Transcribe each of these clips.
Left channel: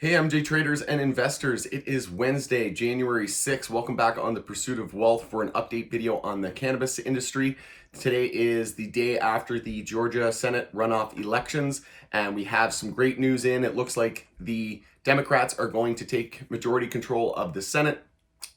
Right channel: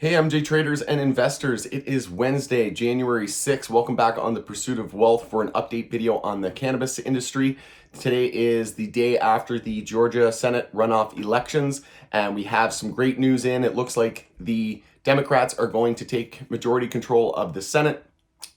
Hey MJ traders and investors, it is Wednesday, January 6th. Welcome back on The Pursuit of Wealth for an update video on the cannabis industry. Today is the day after the Georgia Senate runoff elections, and we have some great news in. It looks like the Democrats are going to take majority control of the Senate.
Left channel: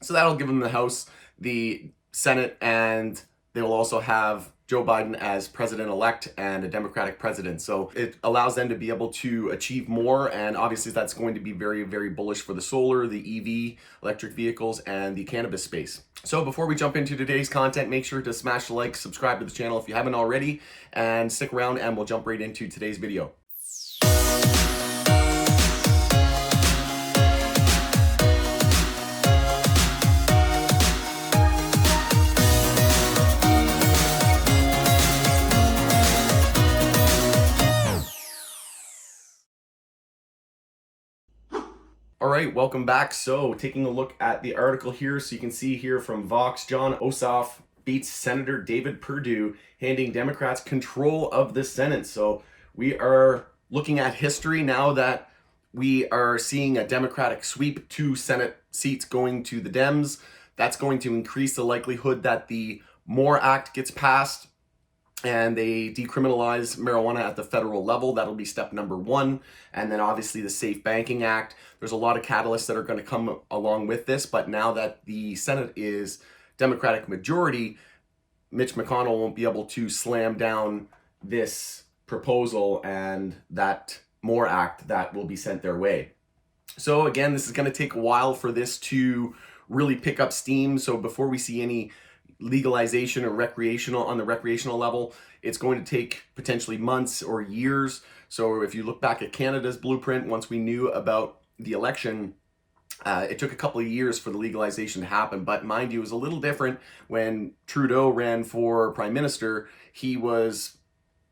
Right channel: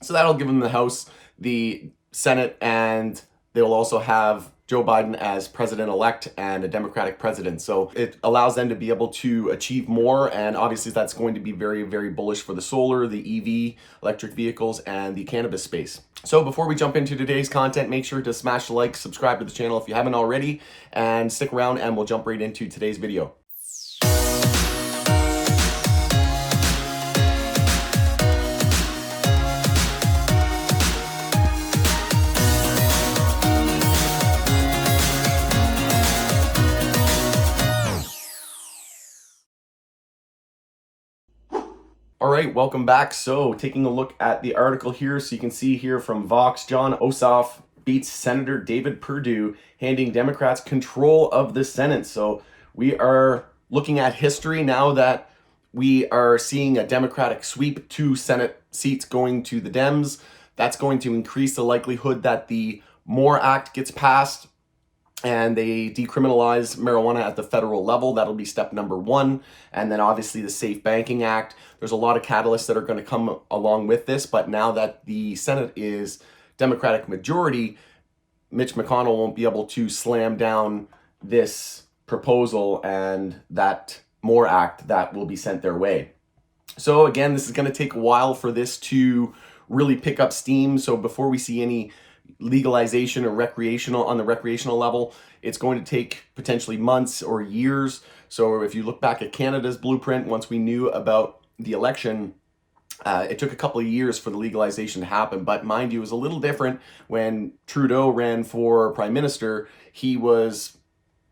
So that'll give them the House, the Senate, and they will also have Joe Biden as president-elect and a Democratic president. So it allows them to be able to achieve more, and obviously that's going to be very, very bullish for the solar, the EV, electric vehicles, and the cannabis space. So before we jump into today's content, make sure to smash the like, subscribe to the channel if you haven't already, and stick around and we'll jump right into today's video. All right, welcome back. So taking a look at the article here, so you can see here from Vox, Jon Ossoff beats Senator David Perdue, handing Democrats control of the Senate. So we are looking at history now that we are seeing a Democratic sweep, 2 Senate seats going to the DEMS. That's going to increase the likelihood that the MORE Act gets passed and they decriminalize marijuana at the federal level. That'll be step number 1. And then obviously the Safe Banking Act. There's a lot of catalysts that are going to come along with this, but now that the Senate is Democratic majority, Mitch McConnell won't be able to slam down this proposal and that MORE Act that will be sent their way. So again, this is going to take a while for this to really pick up steam. So before we see any legalization or on the recreational level, it's going to take potentially months or years. So if you look back at Canada's blueprint, once we knew about the election, it took a couple of years for the legalization to happen. But mind you, it was a little different when Trudeau ran for prime minister. He was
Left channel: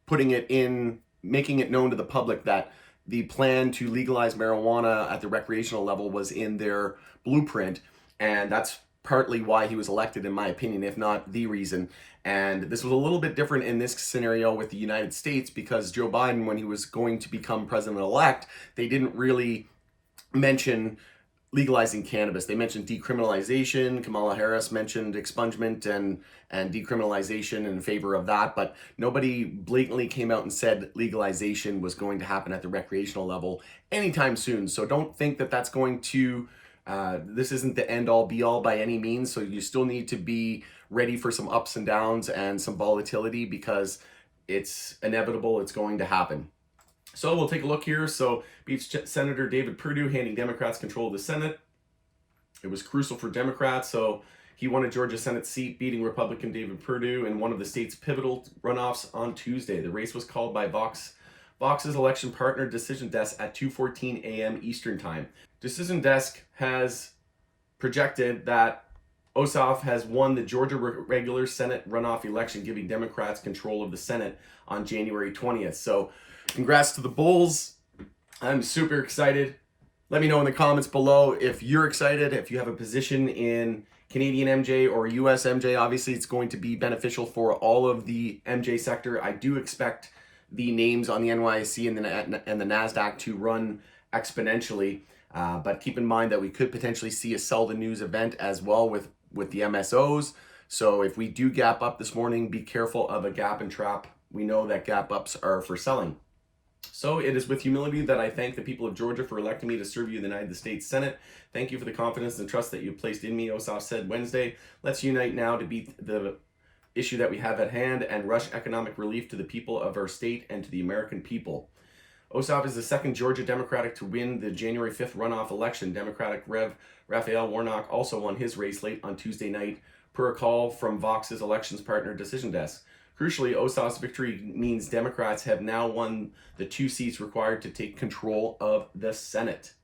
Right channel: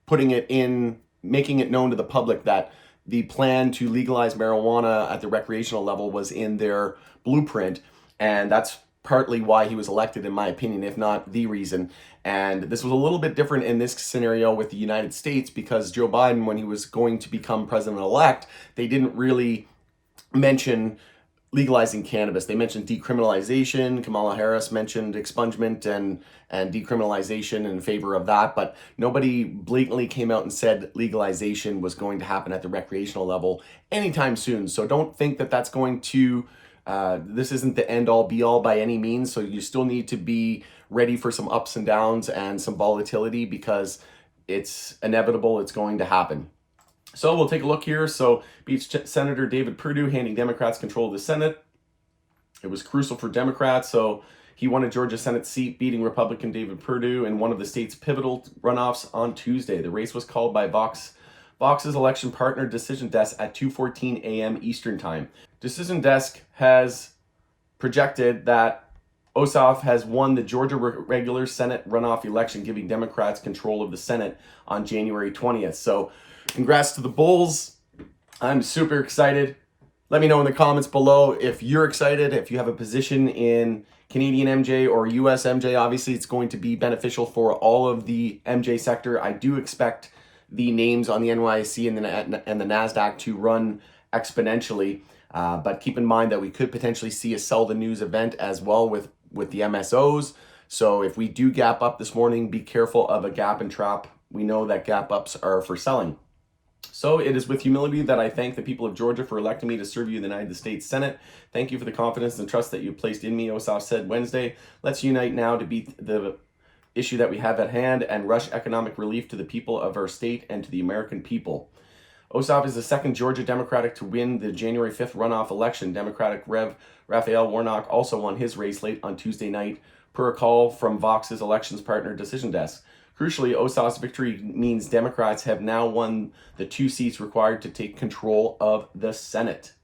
putting it in, making it known to the public that the plan to legalize marijuana at the recreational level was in their blueprint. And that's partly why he was elected, in my opinion, if not the reason. And this was a little bit different in this scenario with the United States, because Joe Biden, when he was going to become president-elect, they didn't really mention legalizing cannabis. They mentioned decriminalization. Kamala Harris mentioned expungement and decriminalization in favor of that, but nobody blatantly came out and said legalization was going to happen at the recreational level anytime soon. So don't think that that's going to, this isn't the end all be all by any means. So you still need to be ready for some ups and downs and some volatility, because it's inevitable, it's going to happen. So we'll take a look here. So beats Senator David Perdue, handing Democrats control of the Senate. It was crucial for Democrats. So he won a Georgia Senate seat, beating Republican David Perdue in one of the state's pivotal runoffs on Tuesday. The race was called by Vox's election partner Decision Desk at 2:14 a.m. Eastern Time. Decision Desk has projected that Ossoff has won the Georgia regular Senate runoff election, giving Democrats control of the Senate on January 20th. So congrats to the Bulls. I'm super excited. Let me know in the comments below if you're excited, if you have a position in Canadian MJ or US MJ. Obviously, it's going to be beneficial for all of the MJ sector. I do expect the names on the NYSE and the NASDAQ to run exponentially. But keep in mind that we could potentially see a sell the news event as well with the MSOs. So if we do gap up this morning, be careful of a gap and trap. We know that gap ups are for selling. So it is with humility that I thank the people of Georgia for electing me to serve you in the United States Senate. Thank you for the confidence and trust that you placed in me, Ossoff said Wednesday. Let's unite now to beat the issue that we have at hand and rush economic relief to the people of our state and to the American people. Ossoff is the second Georgia Democratic to win the January 5th runoff election. Democratic Rev. Raphael Warnock also won his race late on Tuesday night, per a call from Vox's elections partner Decision Desk. Crucially, Ossoff's victory means Democrats have now won the 2 seats required to take control of the Senate.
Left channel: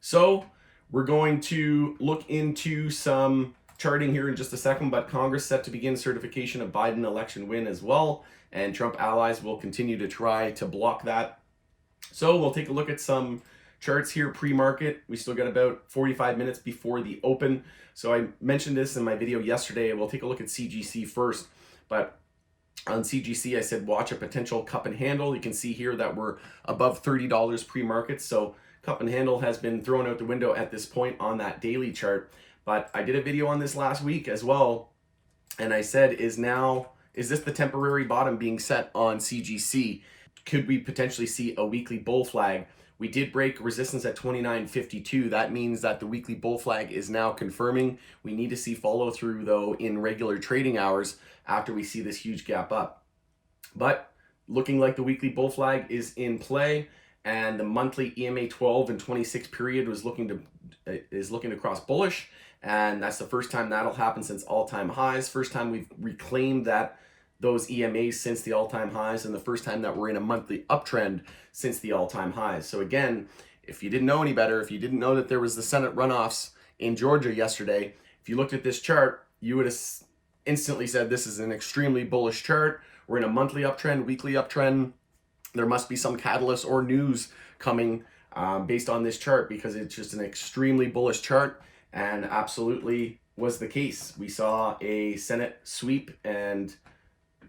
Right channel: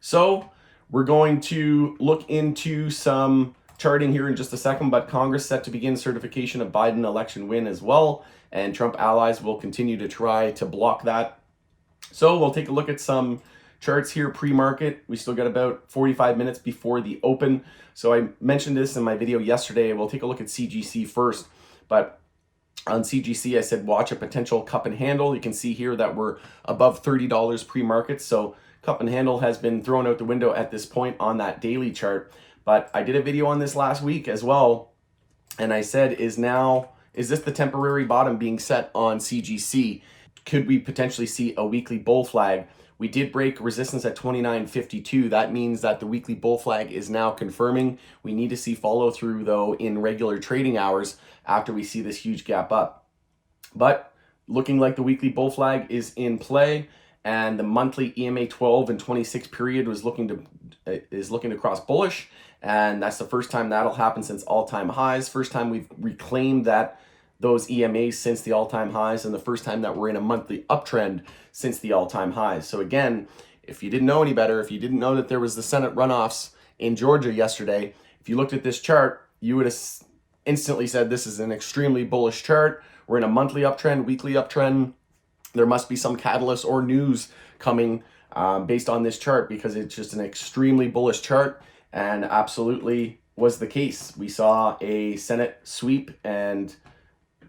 So we're going to look into some charting here in just a second, but Congress set to begin certification of Biden election win as well, and Trump allies will continue to try to block that. So we'll take a look at some charts here pre-market. We still got about 45 minutes before the open. So I mentioned this in my video yesterday. We'll take a look at CGC first. But on CGC, I said watch a potential cup and handle. You can see here that we're above $30 pre-market. So cup and handle has been thrown out the window at this point on that daily chart. But I did a video on this last week as well, and I said, is this the temporary bottom being set on CGC? Could we potentially see a weekly bull flag? We did break resistance at 29.52. That means that the weekly bull flag is now confirming. We need to see follow through though in regular trading hours after we see this huge gap up. But looking like the weekly bull flag is in play, and the monthly EMA 12 and 26 period is looking to cross bullish, and that's the first time that'll happen since all-time highs. First time we've reclaimed those EMAs since the all-time highs, and the first time that we're in a monthly uptrend since the all-time highs. So again, if you didn't know any better, if you didn't know that there was the Senate runoffs in Georgia yesterday, if you looked at this chart, you would have instantly said this is an extremely bullish chart. We're in a monthly uptrend, weekly uptrend. There must be some catalyst or news coming based on this chart, because it's just an extremely bullish chart, and absolutely was the case. We saw a Senate sweep, and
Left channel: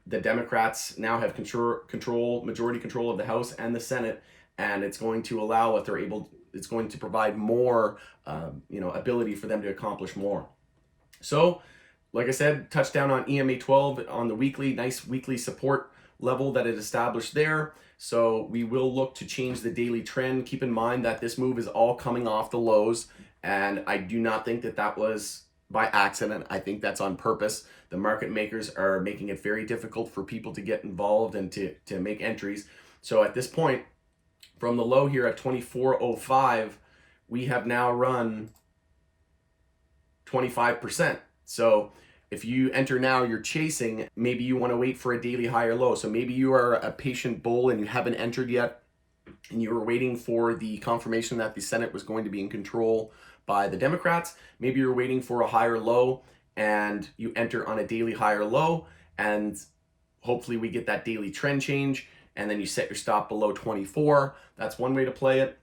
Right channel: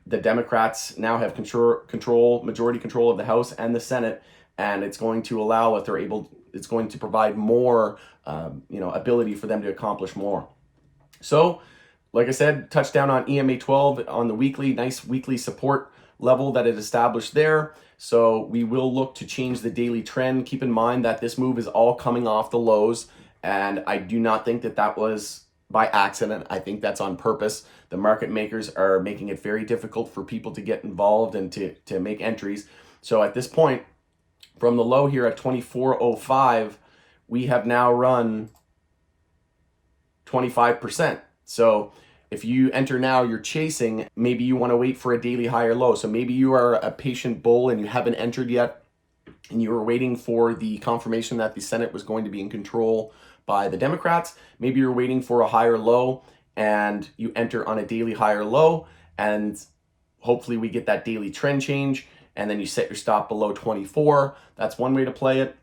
the Democrats now have majority control of the House and the Senate, and it's going to allow, if they're able, it's going to provide more, ability for them to accomplish more. So, like I said, touchdown on EMA 12 on the weekly, nice weekly support level that it established there. So we will look to change the daily trend. Keep in mind that this move is all coming off the lows, and I do not think that was by accident. I think that's on purpose. The market makers are making it very difficult for people to get involved and to make entries. So at this point, from the low here at 24.05, we have now run 25%. So if you enter now, you're chasing, maybe you want to wait for a daily higher low. So maybe you are a patient bull and you haven't entered yet, and you were waiting for the confirmation that the Senate was going to be in control by the Democrats. Maybe you're waiting for a higher low and you enter on a daily higher low, and hopefully we get that daily trend change, and then you set your stop below 24. That's one way to play it.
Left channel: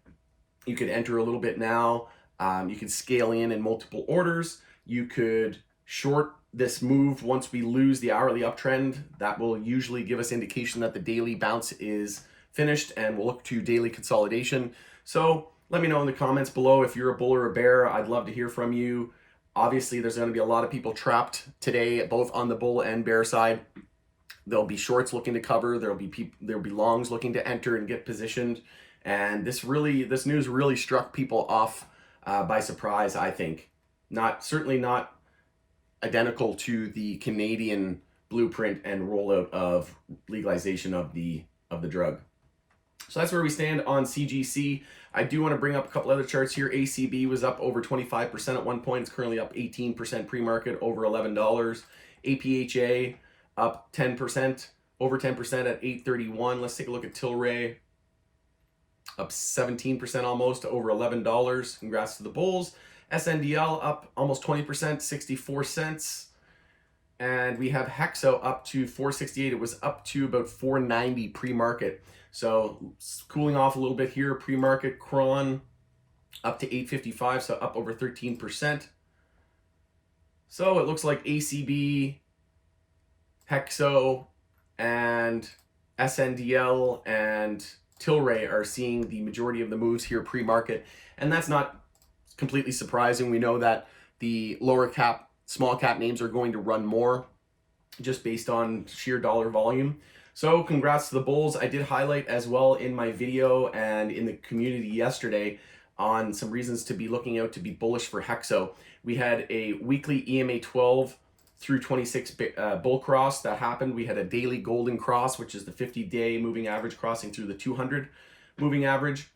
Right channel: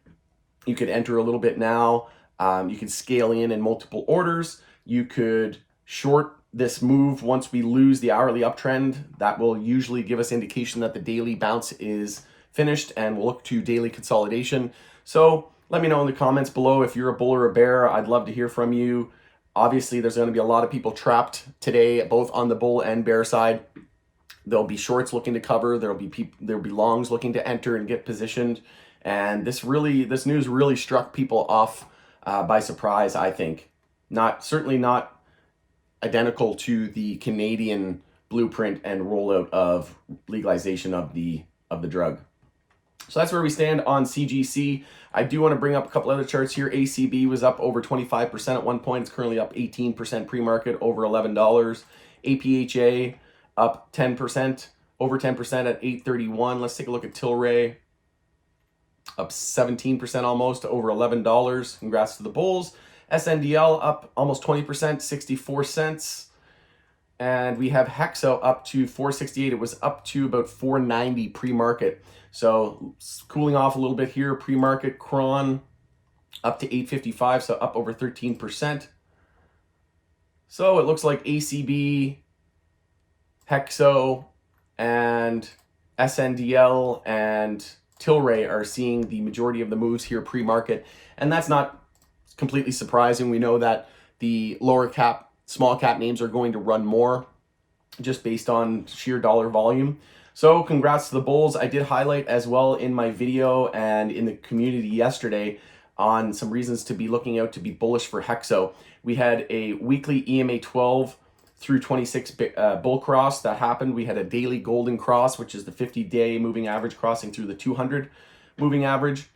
You could enter a little bit now. You could scale in multiple orders. You could short this move once we lose the hourly uptrend. That will usually give us indication that the daily bounce is finished, and we'll look to daily consolidation. So let me know in the comments below if you're a bull or a bear. I'd love to hear from you. Obviously, there's going to be a lot of people trapped today, both on the bull and bear side. There'll be shorts looking to cover. There'll be longs looking to enter and get positioned. And this news really struck people off by surprise, I think. Certainly not identical to the Canadian blueprint and rollout of legalization of the drug. So that's where we stand on CGC. I do want to bring up a couple other charts here. ACB was up over 25% at one point. It's currently up 18% pre-market, over $11. APHA up 10%, over 10% at $8.31. Let's take a look at Tilray. Up 17% almost to over $11. Congrats to the bulls. SNDL up almost 20%, 64 cents. And we have HEXO up to 468. It was up to about 490 pre-market. So cooling off a little bit here. Pre-market Cron up to 855, so up over 13%. So it looks like ACB, HEXO, and SNDL and Tilray are seeing the majority of the moves here pre-market. And that's not completely surprising. We know that the lower cap, small cap names are going to run more just based on sheer dollar volume. So congrats to the bulls. I did highlight as well in my video and in the community yesterday on some reasons to be looking out to be bullish for HEXO. We had a weekly EMA 12 through 26 bull cross that happened. We had a daily golden cross, which is the 50-day moving average crossing through the 200 moving average.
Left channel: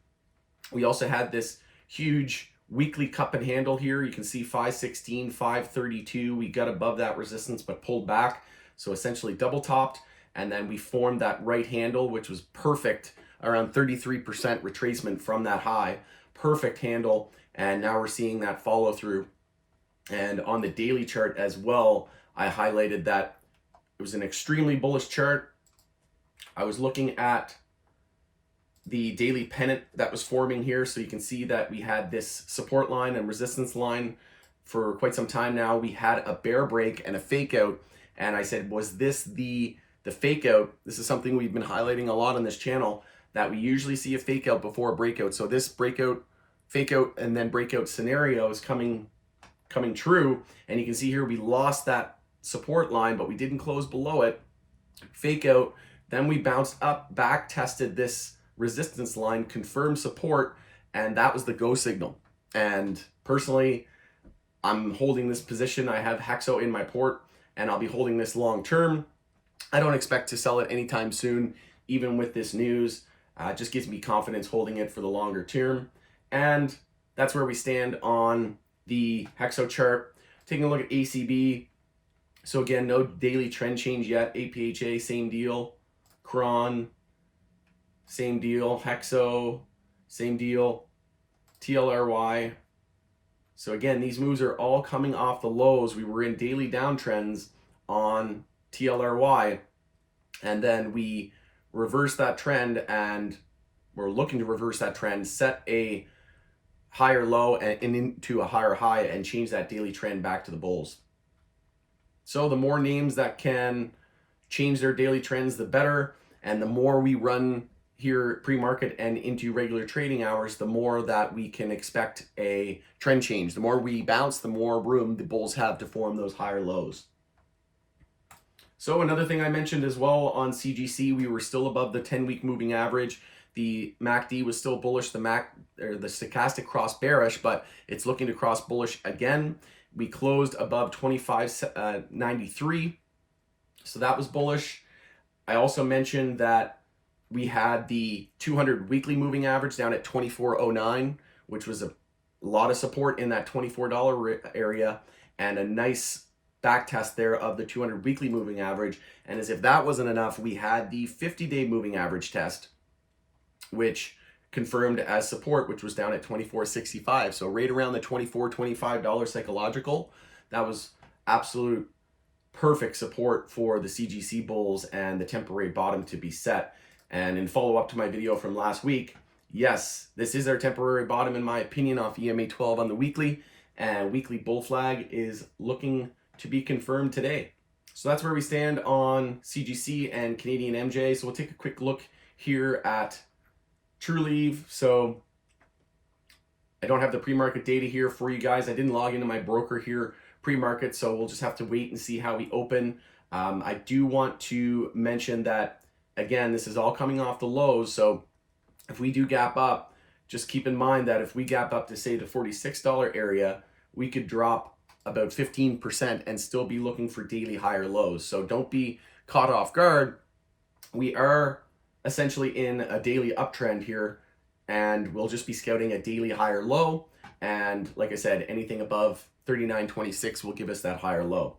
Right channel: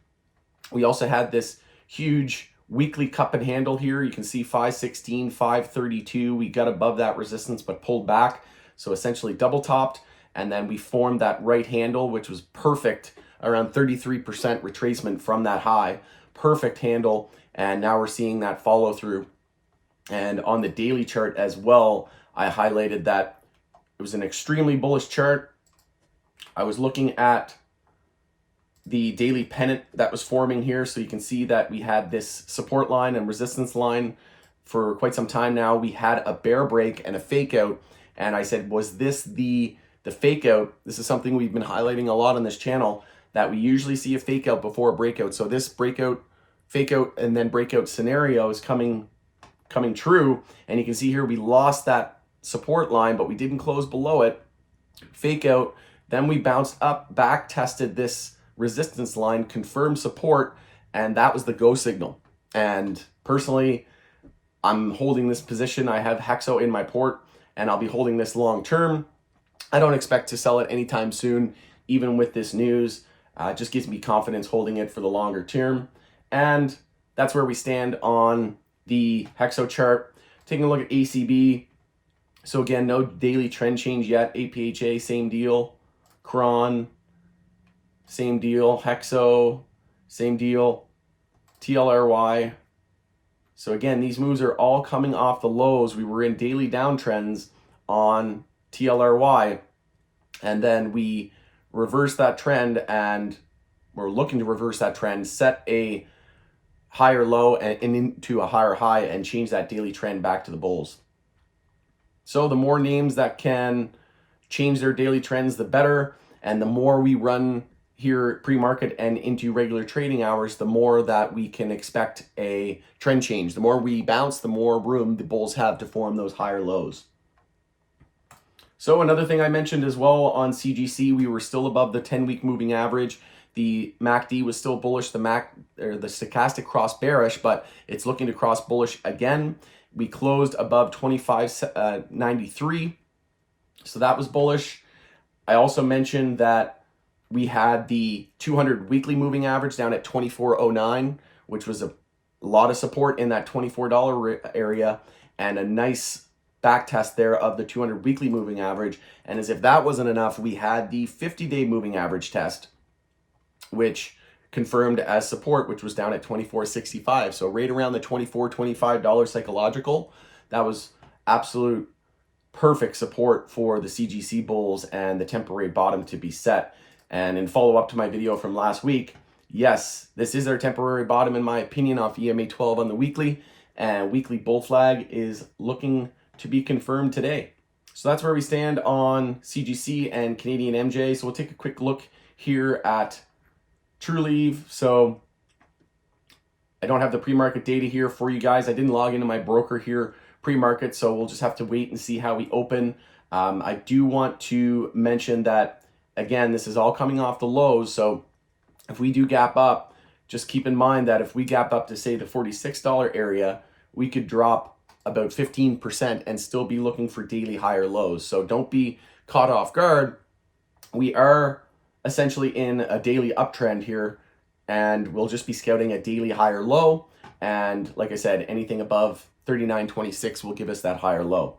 We also had this huge weekly cup and handle here. You can see 516, 532. We got above that resistance but pulled back. So essentially double topped. And then we formed that right handle, which was perfect, around 33% retracement from that high. Perfect handle. And now we're seeing that follow through. And on the daily chart as well, I highlighted that it was an extremely bullish chart. I was looking at the daily pennant that was forming here. So you can see that we had this support line and resistance line for quite some time now. We had a bear break and a fake out. And I said, was this the fake out? This is something we've been highlighting a lot on this channel, that we usually see a fake out before a breakout. So this breakout fake out and then breakout scenarios coming true. And you can see here we lost that support line, but we didn't close below it. Fake out, then we bounced up, back tested this resistance line, confirmed support, and that was the go signal. And personally, I'm holding this position. I have HEXO in my port, and I'll be holding this long term. I don't expect to sell it anytime soon, even with this news. It just gives me confidence holding it for the longer term. And that's where we stand on the HEXO chart. Taking a look at ACB. So again, no daily trend change yet. APHA, same deal. Cron, same deal. HEXO, same deal. TLRY. So again, these moves are all coming off the lows. We were in daily downtrends on TLRY, and then we reversed that trend, and we're looking to reverse that trend, set a higher low and into a higher high, and change that daily trend back to the bulls. So the more names that can change their daily trends, the better. And the more we run here pre-market and into regular trading hours, the more that we can expect a trend change. The more we bounce, the more room the bulls have to form those higher lows. So another thing I mentioned as well on CGC, we were still above the 10-week moving average. The MACD was still bullish, the stochastic cross bearish, but it's looking to cross bullish again. We closed above 25.93, so that was bullish. I also mentioned that we had the 200 weekly moving average down at 24.09, which was a lot of support in that $24 area, and a nice back test there of the 200 weekly moving average. And as if that wasn't enough, we had the 50-day moving average test, which confirmed as support, which was down at 24.65. So right around the $24-25 psychological. That was absolute perfect support for the CGC bulls and the temporary bottom to be set. And in follow-up to my video from last week, yes, this is our temporary bottom in my opinion off EMA 12 on the weekly, and weekly bull flag is looking to be confirmed today. So that's where we stand on CGC and Canadian MJ. So we'll take a quick look here at Trulieve. So I don't have the pre-market data here for you guys. I didn't log into my broker here pre-market, so we'll just have to wait and see how we open. I do want to mention that, again, this is all coming off the lows. So if we do gap up, just keep in mind that if we gap up to say the $46 area, we could drop about 15% and still be looking for daily higher lows. So don't be caught off guard. We are essentially in a daily uptrend here, and we'll just be scouting a daily higher low. And like I said, anything above 39.26 will give us that higher low.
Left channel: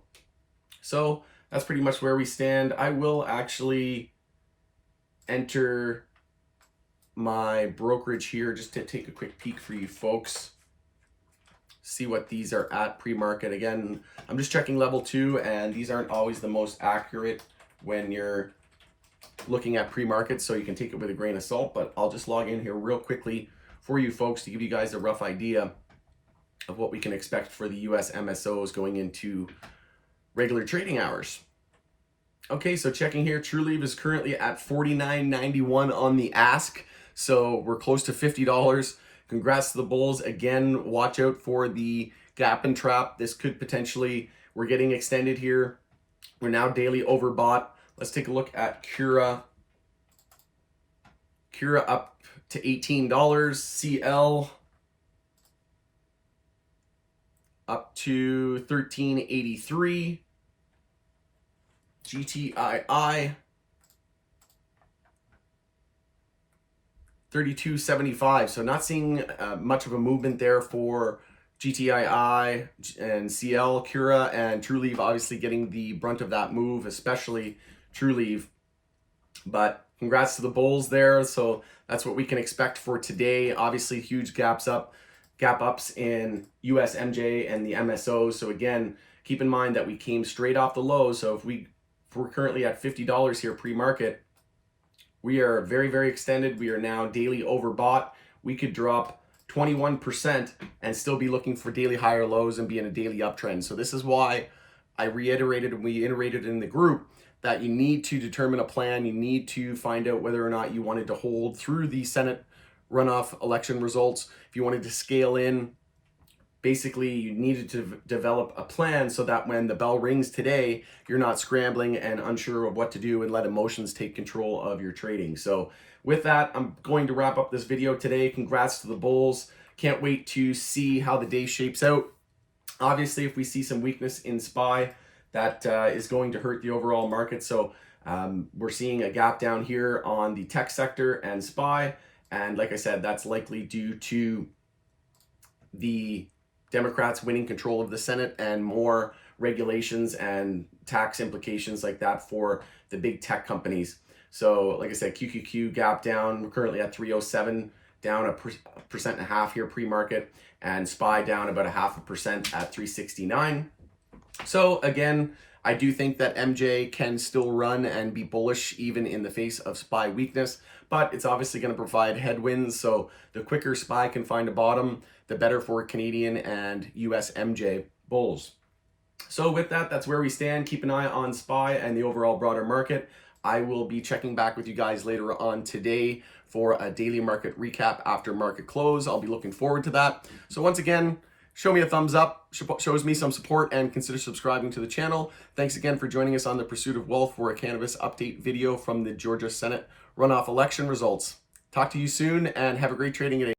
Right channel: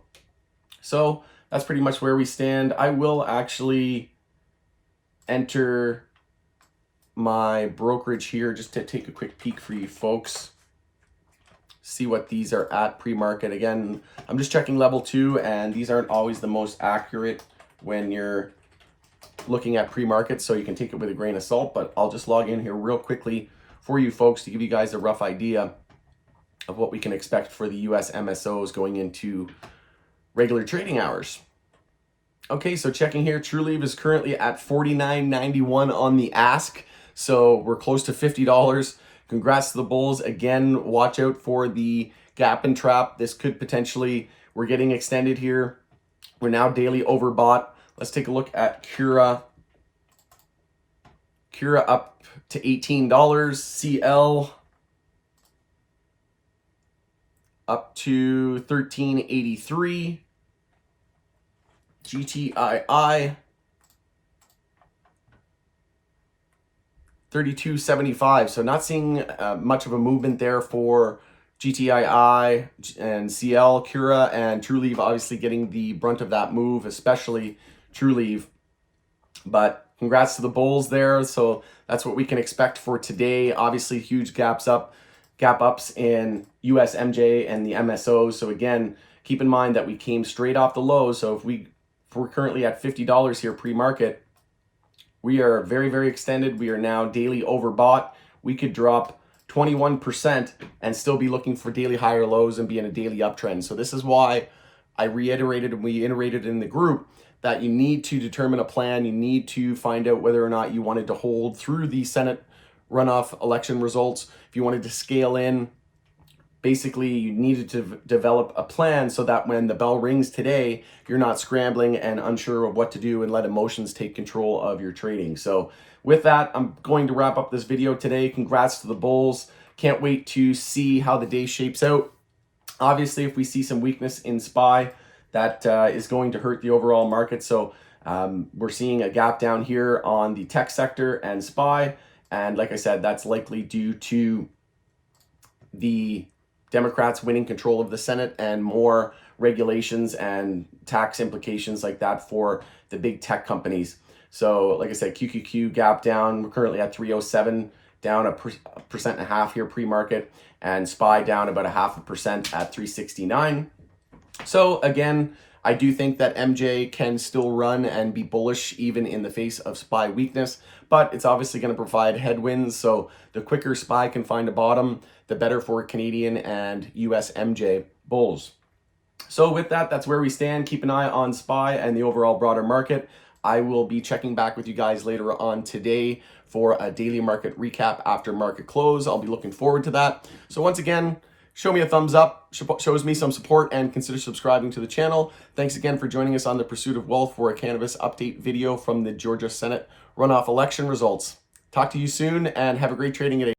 So that's pretty much where we stand. I will actually enter my brokerage here just to take a quick peek for you folks. See what these are at pre-market. Again, I'm just checking level 2, and these aren't always the most accurate when you're looking at pre-market, so you can take it with a grain of salt, but I'll just log in here real quickly for you folks to give you guys a rough idea of what we can expect for the US MSOs going into regular trading hours. Okay, so checking here, Trulieve is currently at $49.91 on the ask, so we're close to $50. Congrats to the bulls. Again, watch out for the gap and trap. This could potentially, we're getting extended here. We're now daily overbought. Let's take a look at Cura. Cura up to $18. CL up to $13.83. GTII $32.75. So not seeing much of a movement there for GTII and CL. Cura and Trulieve obviously getting the brunt of that move, especially Trulieve. But congrats to the bulls there. So that's what we can expect for today. Obviously huge gap ups in US MJ and the MSOs. So again, keep in mind that we came straight off the lows. So if we're currently at $50 here pre-market, we are very, very extended. We are now daily overbought. We could drop 21% and still be looking for daily higher lows and be in a daily uptrend. So this is why I reiterated, and we iterated in the group, that you need to determine a plan. You need to find out whether or not you wanted to hold through the Senate runoff election results. If you wanted to scale in, basically you needed to develop a plan so that when the bell rings today, you're not scrambling and unsure of what to do and let emotions take control of your trading. So with that, I'm going to wrap up this video today. Congrats to the bulls. Can't wait to see how the day shapes out. Obviously, if we see some weakness in SPY, that is going to hurt the overall market. So we're seeing a gap down here on the tech sector and SPY. And like I said, that's likely due to the Democrats winning control of the Senate and more regulations and tax implications like that for the big tech companies. So like I said, QQQ gap down. We're currently at 307, down a 1.5% here pre-market, and SPY down about 0.5% at 369. So again, I do think that MJ can still run and be bullish even in the face of SPY weakness, but it's obviously going to provide headwinds. So the quicker SPY can find a bottom, the better for Canadian and US MJ bulls. So with that, that's where we stand. Keep an eye on SPY and the overall broader market. I will be checking back with you guys later on today for a daily market recap after market close. I'll be looking forward to that. So once again, show me a thumbs up, shows me some support, and consider subscribing to the channel. Thanks again for joining us on The Pursuit of Wealth for a cannabis update video from the Georgia Senate runoff election results. Talk to you soon and have a great trading day.